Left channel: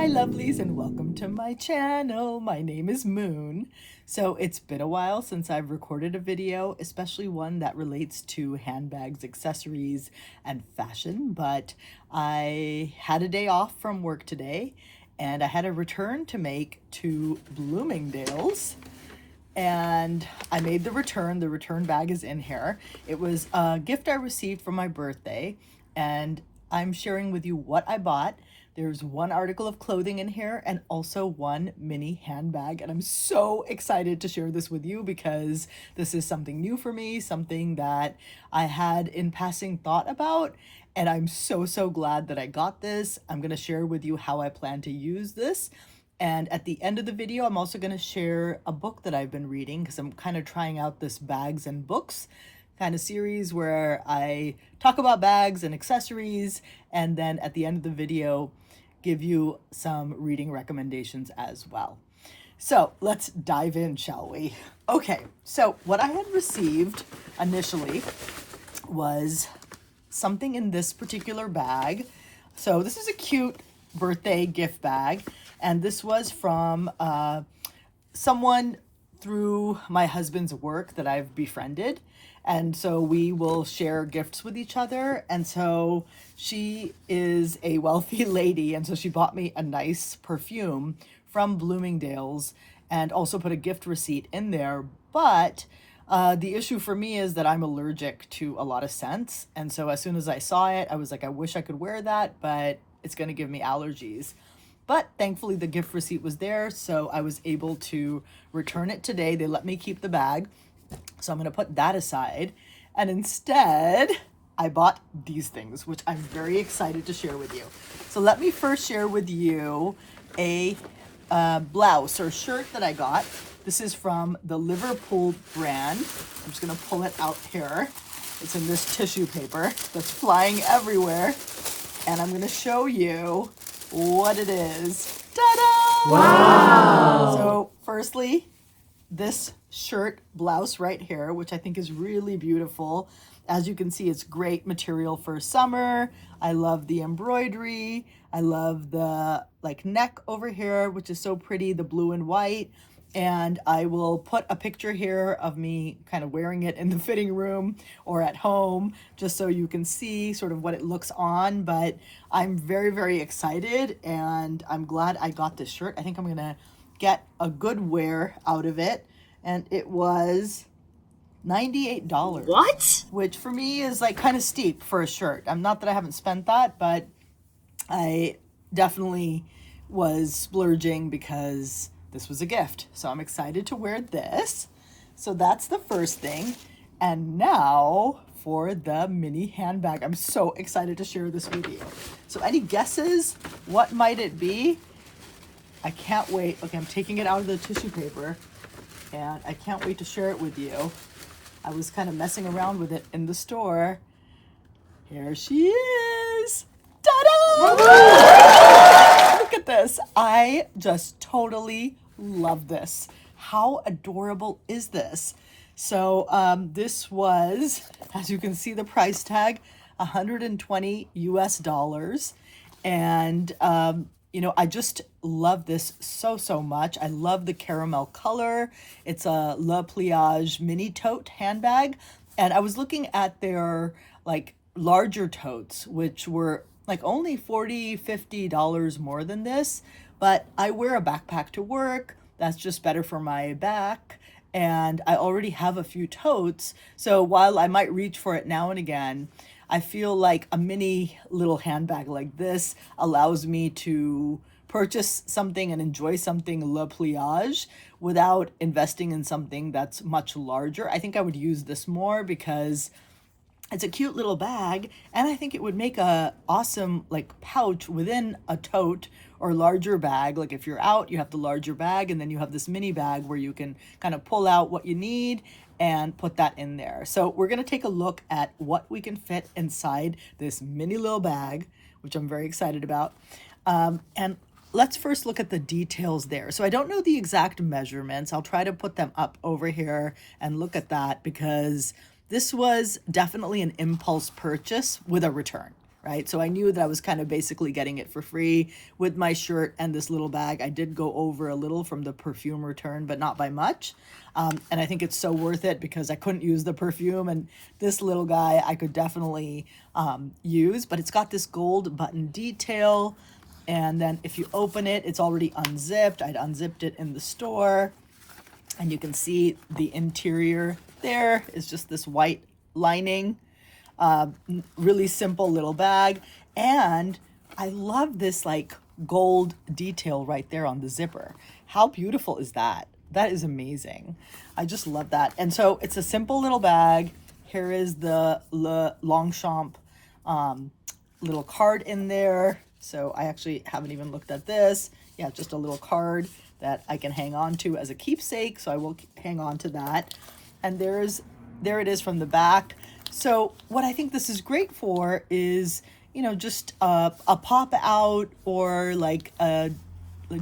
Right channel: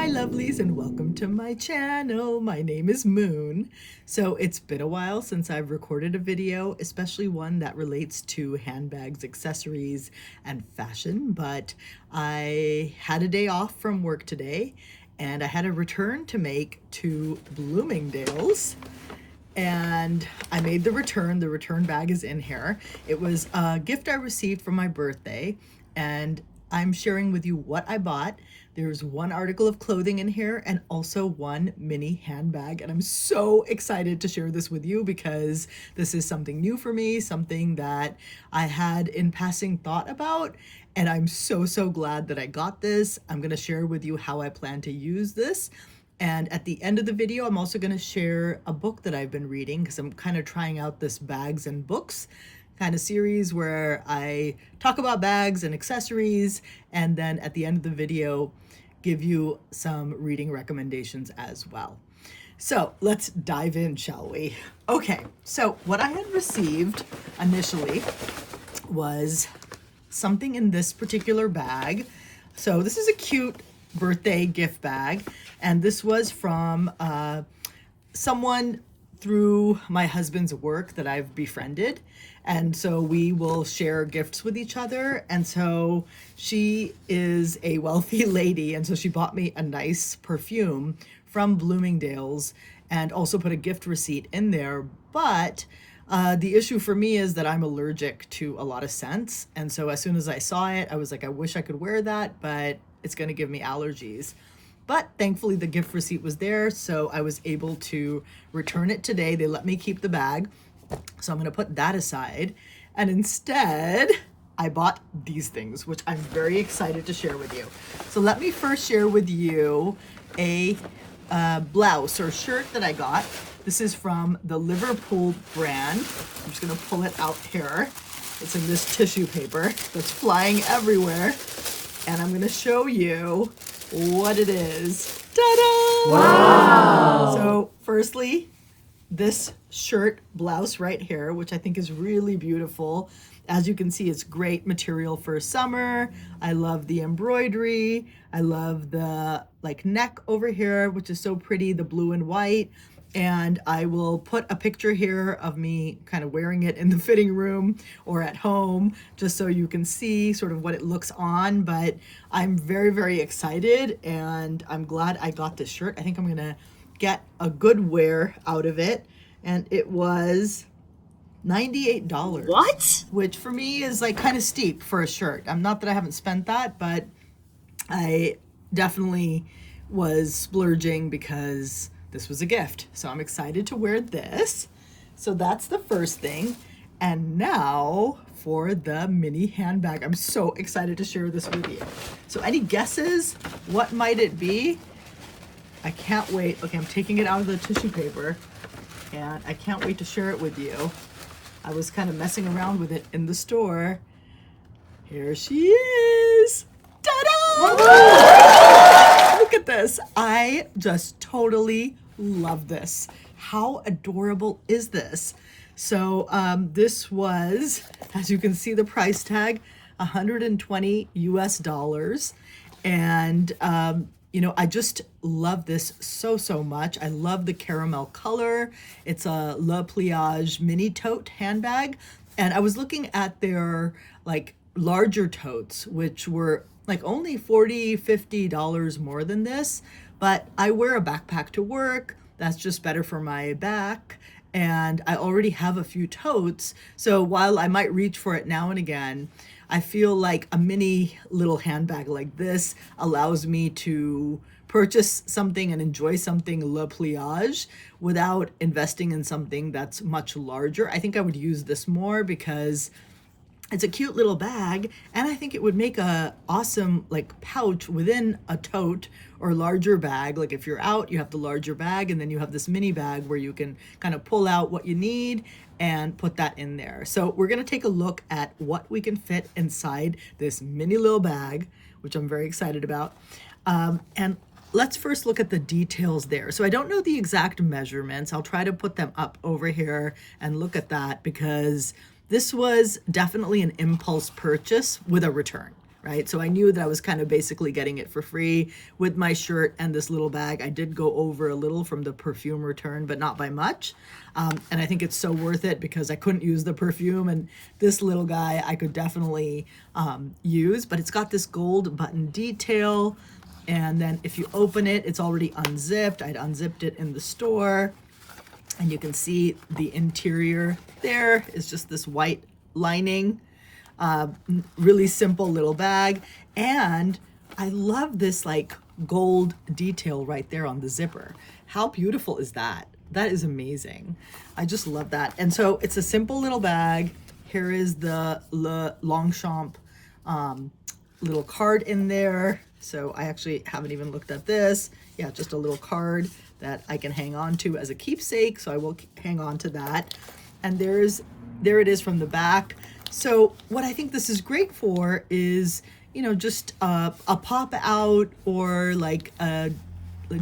my lovelies, and welcome to my channel. My name is Moon. So it's been a while since I've recorded a video, especially one that relates to handbags, accessories, and fashion, but I had a day off from work today and I had a return to make to Bloomingdale's. And I made the return. The return bag is in here. It was a gift I received for my birthday, and I'm sharing with you what I bought. There's one article of clothing in here and also one mini handbag. And I'm so excited to share this with you because this is something new for me, something that I had in passing thought about. And I'm so glad that I got this. I'm going to share with you how I plan to use this. And at the end of the video, I'm also going to share a book that I've been reading because I'm kind of trying out this bags and books kind of series where I talk about bags and accessories, and then at the end of the video give you some reading recommendations as well. So let's dive in, shall we? Okay, so what I had received initially was something in this particular bag. So this is a cute birthday gift bag, and this was from someone through my husband's work that I've befriended. And so we will share gifts with each other. And so she is a wealthy lady. And so she bought me a nice perfume from Bloomingdale's and also put a gift receipt in there. But the issue for me is that I'm allergic to a lot of scents. And so as soon as I saw it, I was like, I wish I could wear that, but it's going to give me allergies. But thankfully the gift receipt was there, so I was able to return it today. They let me keep the bag, so I'm going to put that aside. And instead, I bought these things, which I'm very excited to share with you. So let me first share with you a blouse or shirt that I got. This is from the Liverpool brand. I'm just going to pull it out here. It's in this tissue paper that's flying everywhere. And I'm going to show you what it is. Ta-da! Wow! So firstly, this shirt blouse right here, which I think is really beautiful. As you can see, it's great material for summer. I love the embroidery. I love the neck over here, which is so pretty, the blue and white. And I will put a picture here of me kind of wearing it in the fitting room or at home, just so you can see sort of what it looks on. But I'm very excited, and I'm glad I got this shirt. I think I'm gonna get a good wear out of it. And it was $98. What? Which for me is kind of steep for a shirt. I'm not that I haven't spent that, but I definitely was splurging because this was a gift. So I'm excited to wear this. So that's the first thing. And now for the mini handbag. I'm so excited to share this with you. So any guesses? What might it be? I can't wait. Okay, I'm taking it out of the tissue paper and I can't wait to share it with you. I was kind of messing around with it in the store. Here she is. Ta-da! Look at this. I just totally love this. How adorable is this? So this was, as you can see the price tag, $120 US. And you know, I just love this so much. I love the caramel color. It's a Pliage Mini Tote handbag. And I was looking at their larger totes, which were only $40, $50 more than this. But I wear a backpack to work. That's just better for my back. And I already have a few totes. So while I might reach for it now and again, I feel like a mini little handbag like this allows me to purchase something and enjoy something Le Pliage without investing in something that's much larger. I think I would use this more because it's a cute little bag, and I think it would make a awesome pouch within a tote or larger bag. Like if you're out, you have the larger bag, and then you have this mini bag where you can kind of pull out what you need and put that in there. So we're gonna take a look at what we can fit inside this mini little bag, which I'm very excited about. And let's first look at the details there. So I don't know the exact measurements. I'll try to put them up over here and look at that because this was definitely an impulse purchase with a return. right? So I knew that I was kind of basically getting it for free with my shirt and this little bag. I did go over a little from the perfume return, but not by much. And I think it's so worth it because I couldn't use the perfume, and this little guy I could definitely use, but it's got this gold button detail. And then if you open it, it's already unzipped. I'd unzipped it in the store, and you can see the interior there is just this white lining. Really simple little bag. And I love this like gold detail right there on the zipper. How beautiful is that? That is amazing. I just love that. And so it's a simple little bag. Here is the Longchamp little card in there. So I actually haven't even looked at this. Yeah, just a little card that I can hang on to as a keepsake. So I will hang on to that. And there it is from the back. So what I think this is great for is, you know, just a pop out or like a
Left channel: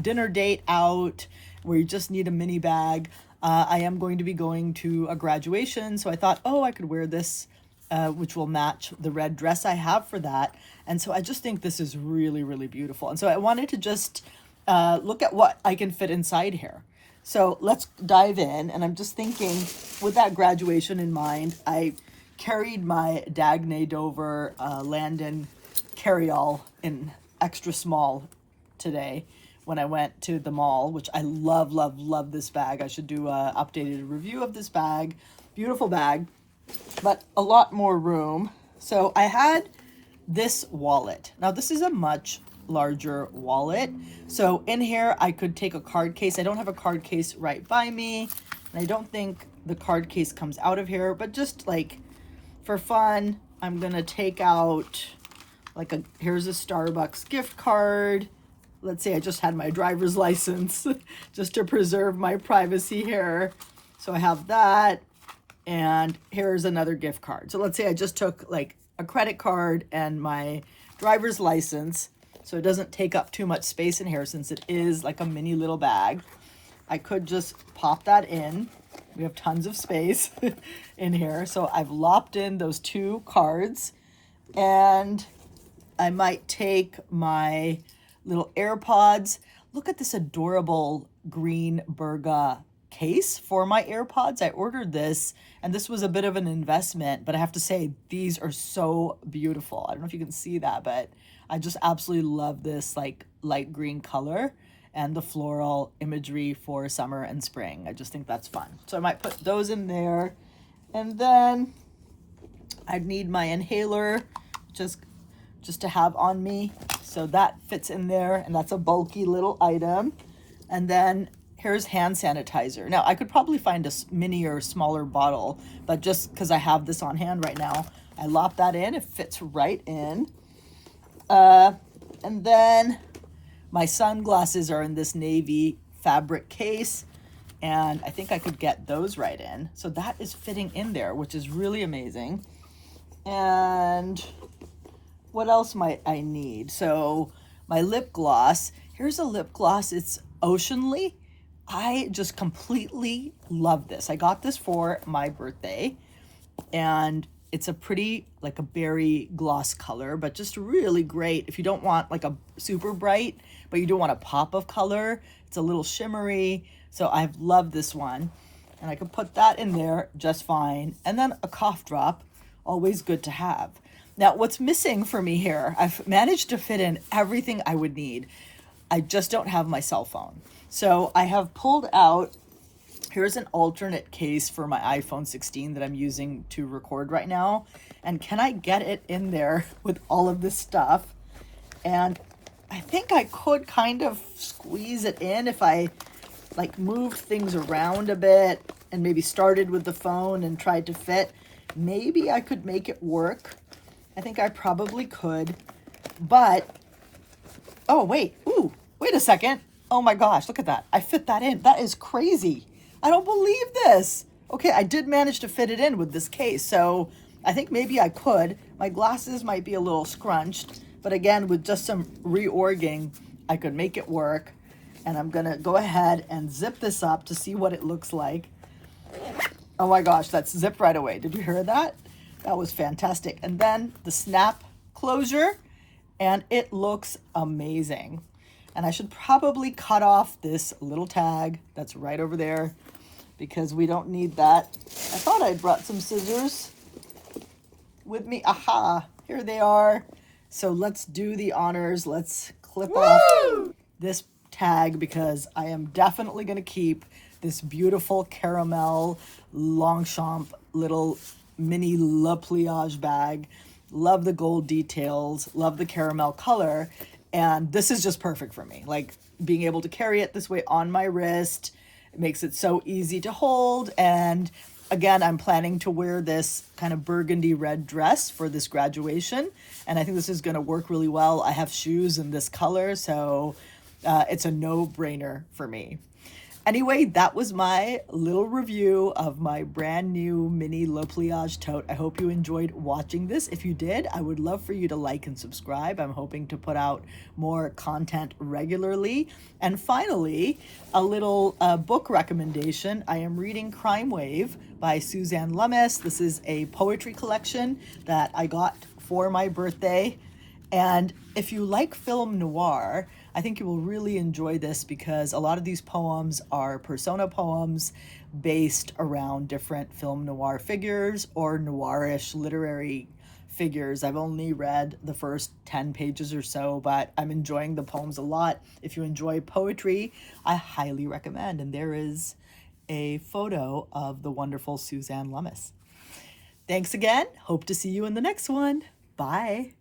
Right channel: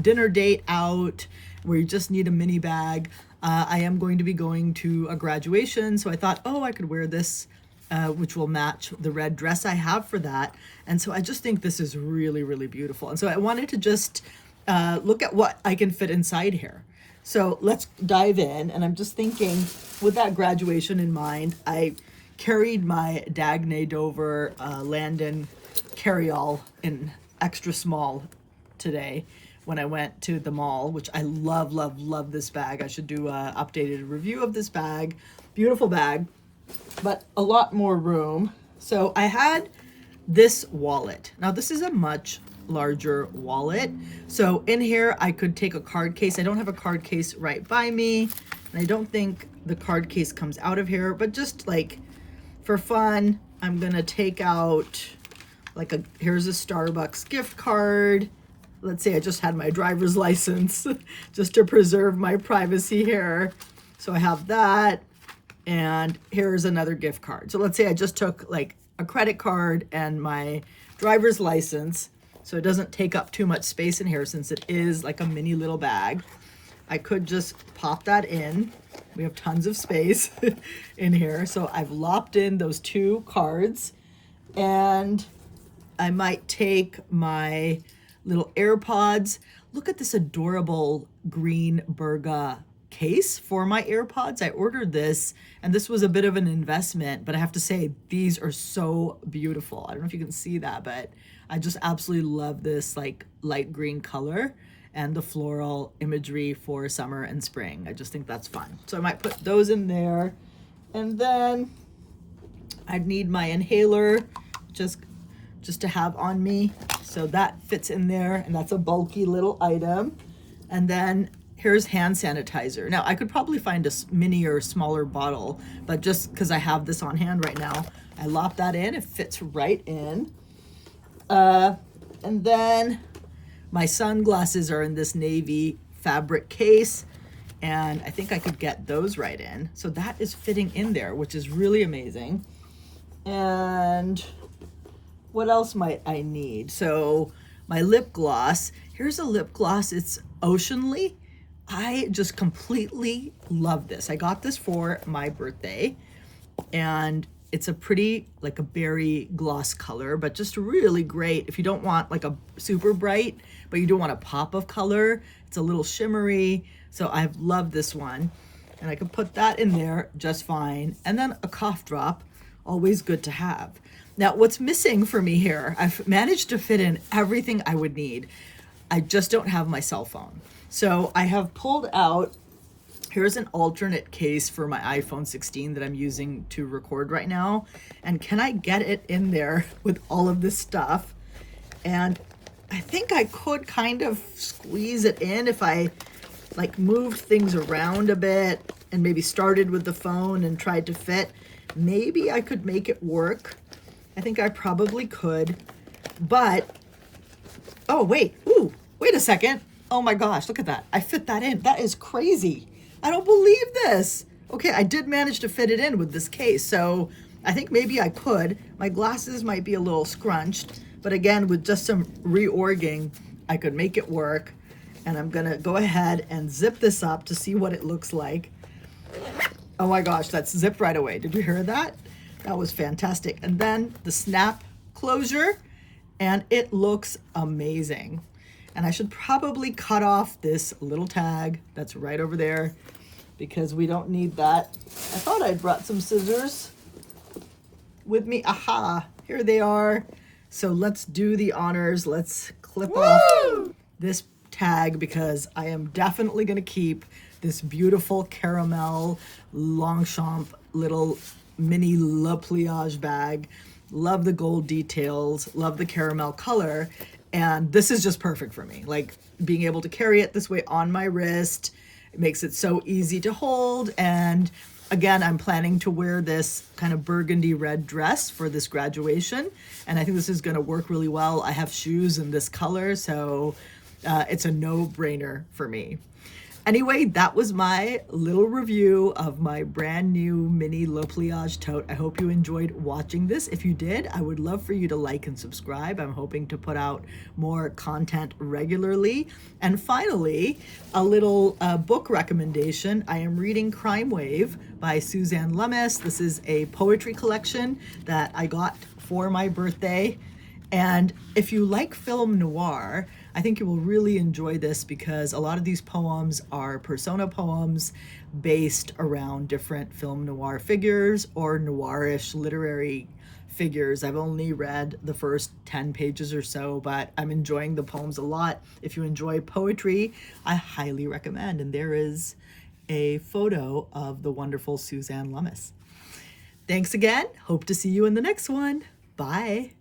dinner date out where you just need a mini bag. I am going to be going to a graduation, so I thought, oh, I could wear this, which will match the red dress I have for that. And so I just think this is really, really beautiful. And so I wanted to just look at what I can fit inside here. So let's dive in. And I'm just thinking, with that graduation in mind, I carried my Dagne Dover Landon carry-all in extra small today when I went to the mall, which I love, love, love this bag. I should do an updated review of this bag. Beautiful bag, but a lot more room. So I had this wallet. Now this is a much larger wallet. So in here, I could take a card case. I don't have a card case right by me, and I don't think the card case comes out of here, but just like for fun, I'm gonna take out like here's a Starbucks gift card. Let's say I just had my driver's license just to preserve my privacy here. So I have that, and here's another gift card. So let's say I just took like a credit card and my driver's license, so it doesn't take up too much space in here since it is like a mini little bag. I could just pop that in. We have tons of space in here. So I've lopped in those 2 cards, and I might take my little AirPods. Look at this adorable green Berga case for my AirPods. I ordered this, and this was a bit of an investment, but I have to say these are so beautiful. I don't know if you can see that, but I just absolutely love this like light green color and the floral imagery for summer and spring. I just think that's fun. So I might put those in there. And then I'd need my inhaler just to have on me. So that fits in there, and that's a bulky little item. And then here's hand sanitizer. Now I could probably find a mini or smaller bottle, but just because I have this on hand right now, I lop that in. It fits right in. And then my sunglasses are in this navy fabric case, and I think I could get those right in. So that is fitting in there, which is really amazing. And what else might I need? So my lip gloss, here's a lip gloss. It's Oceanly. I just completely love this. I got this for my birthday, and it's a pretty, like a berry gloss color, but just really great if you don't want like a super bright, but you don't want a pop of color. It's a little shimmery. So I've loved this one, and I can put that in there just fine. And then a cough drop, always good to have. Now, what's missing for me here, I've managed to fit in everything I would need. I just don't have my cell phone. So I have pulled out, here's an alternate case for my iPhone 16 that I'm using to record right now. And can I get it in there with all of this stuff? And I think I could kind of squeeze it in if I like moved things around a bit and maybe started with the phone and tried to fit. Maybe I could make it work. I think I probably could, but, oh, wait, ooh, wait a second. Oh my gosh, look at that. I fit that in. That is crazy. I don't believe this. Okay, I did manage to fit it in with this case, so I think maybe I could. My glasses might be a little scrunched, but again, with just some reorging, I could make it work. And I'm gonna go ahead and zip this up to see what it looks like. Oh my gosh, that's zipped right away. Did you hear that? That was fantastic. And then the snap closure, and it looks amazing. And I should probably cut off this little tag that's right over there because we don't need that. I thought I brought some scissors with me. Aha, here they are. So let's do the honors. Let's clip off this tag because I am definitely going to keep this beautiful caramel Longchamp little mini Le Pliage bag. Love the gold details, love the caramel color, and this is just perfect for me. Like being able to carry it this way on my wrist, it makes it so easy to hold. And again, I'm planning to wear this kind of burgundy red dress for this graduation, and I think this is going to work really well. I have shoes in this color, so it's a no-brainer for me. Anyway, that was my little review of my brand new mini Le Pliage tote. I hope you enjoyed watching this. If you did, I would love for you to like and subscribe. I'm hoping to put out more content regularly. And finally, a little book recommendation. I am reading Crime Wave by Suzanne Lummis. This is a poetry collection that I got for my birthday. And if you like film noir, I think you will really enjoy this because a lot of these poems are persona poems based around different film noir figures or noirish literary figures. I've only read the first 10 pages or so, but I'm enjoying the poems a lot. If you enjoy poetry, I highly recommend. And there is a photo of the wonderful Suzanne Lummis. Thanks again. Hope to see you in the next one. Bye.